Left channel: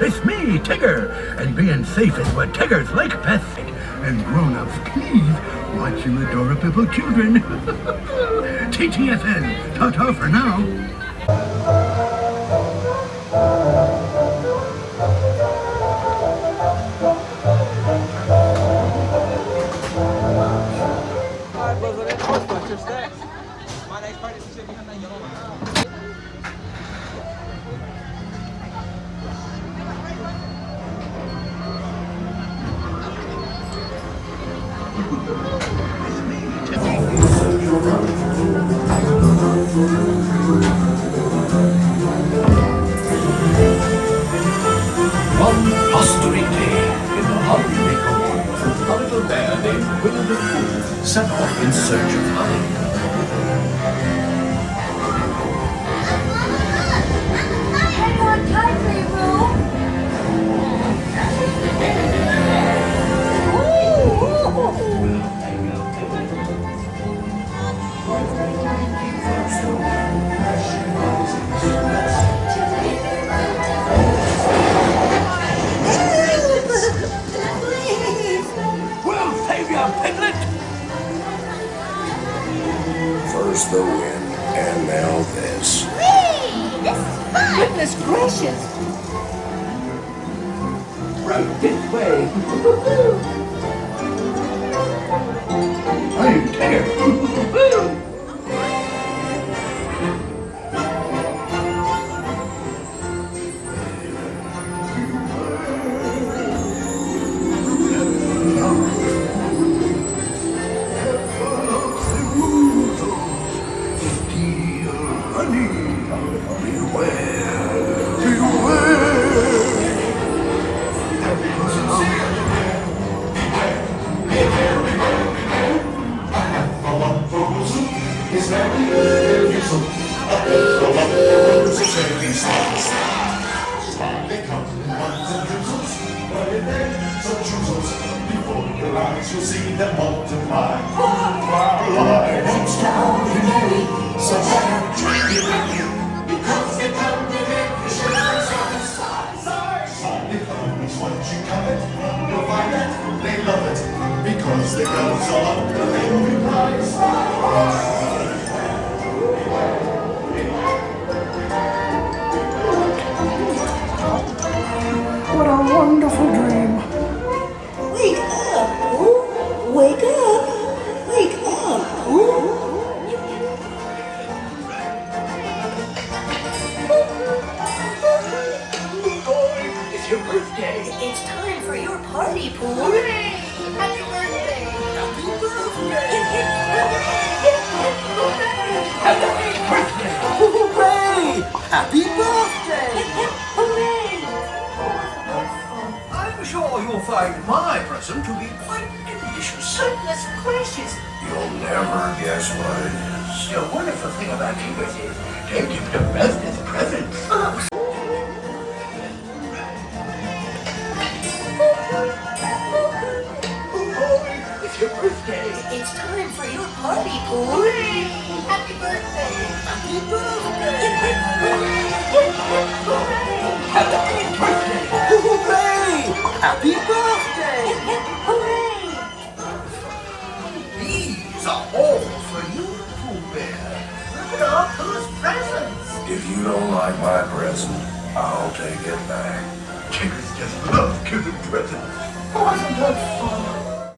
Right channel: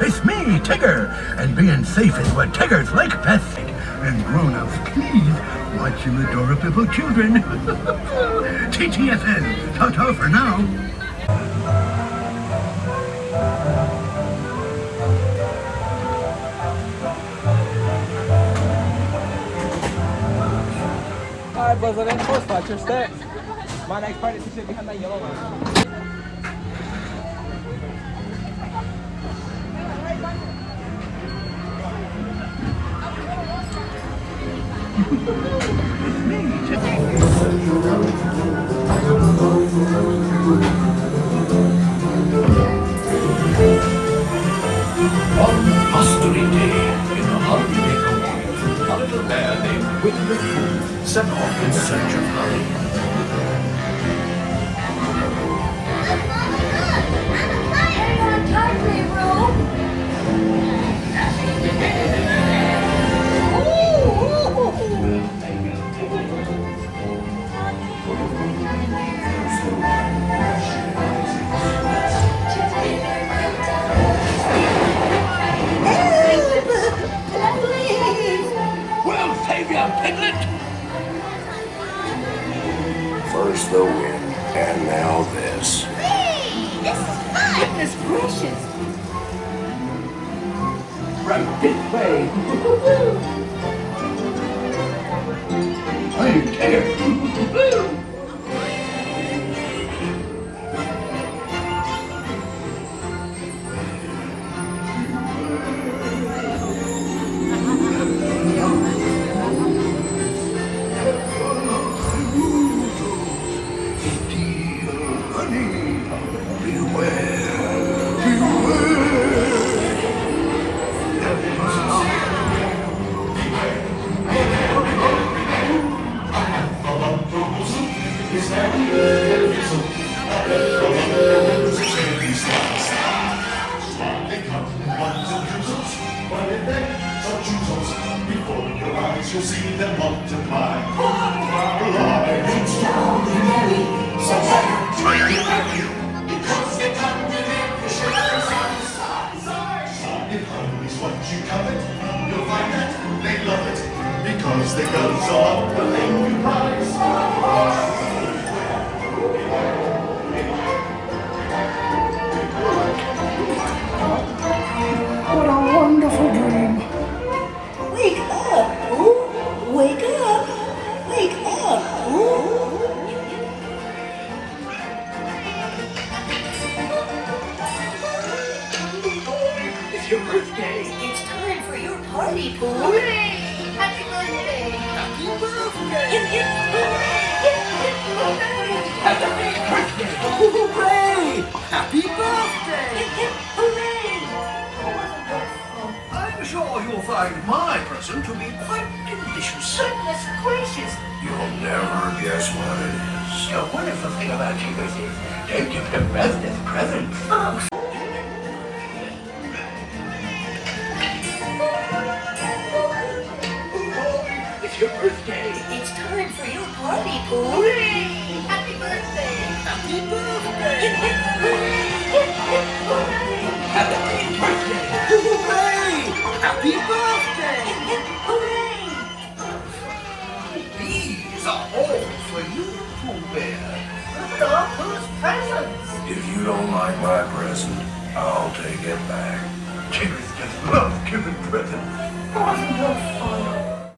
It's me, Tigger, and being safe is what Tiggers like best. And grown-ups, please watch your adorable children. TTFN, ta-ta for now. My next part is to sit behind that yellow one. One blustery day in the Hundred-Acre Wood, a little bear named Winnie the Pooh set off in search of honey. We'll save you, Piglet! First the wind, and now this. Goodness gracious! Right this way. I'm Tigger. You'll see them multiply. Extraordinary, so Because they come with every once you covet, you'll find that they love it. Because they go so up the thing you prize. What a wonderful dream. wake up, Pooh! Wake up! Wake up, Pooh! It's your birthday. It's time for your party, Pooh! Hooray! Happy birthday! Happy birthday. Hooray! Hooray! Happy birthday. Hooray! I'm sure you'll find my present to be quite delicious. Goodness gracious! You'll never guess what it is. The wonderful thing about Tigger is they give the best as presents. It's your birthday. It's time for your party, Pooh! Hooray! Happy birthday! Happy birthday. Happy birthday. Hooray! Happy birthday. Hooray! These are all for you, Pooh Bear. Look at all Pooh's presents! If you don't like my present, I'll take it back. Chickers just love giving presents. Wasn't that fun?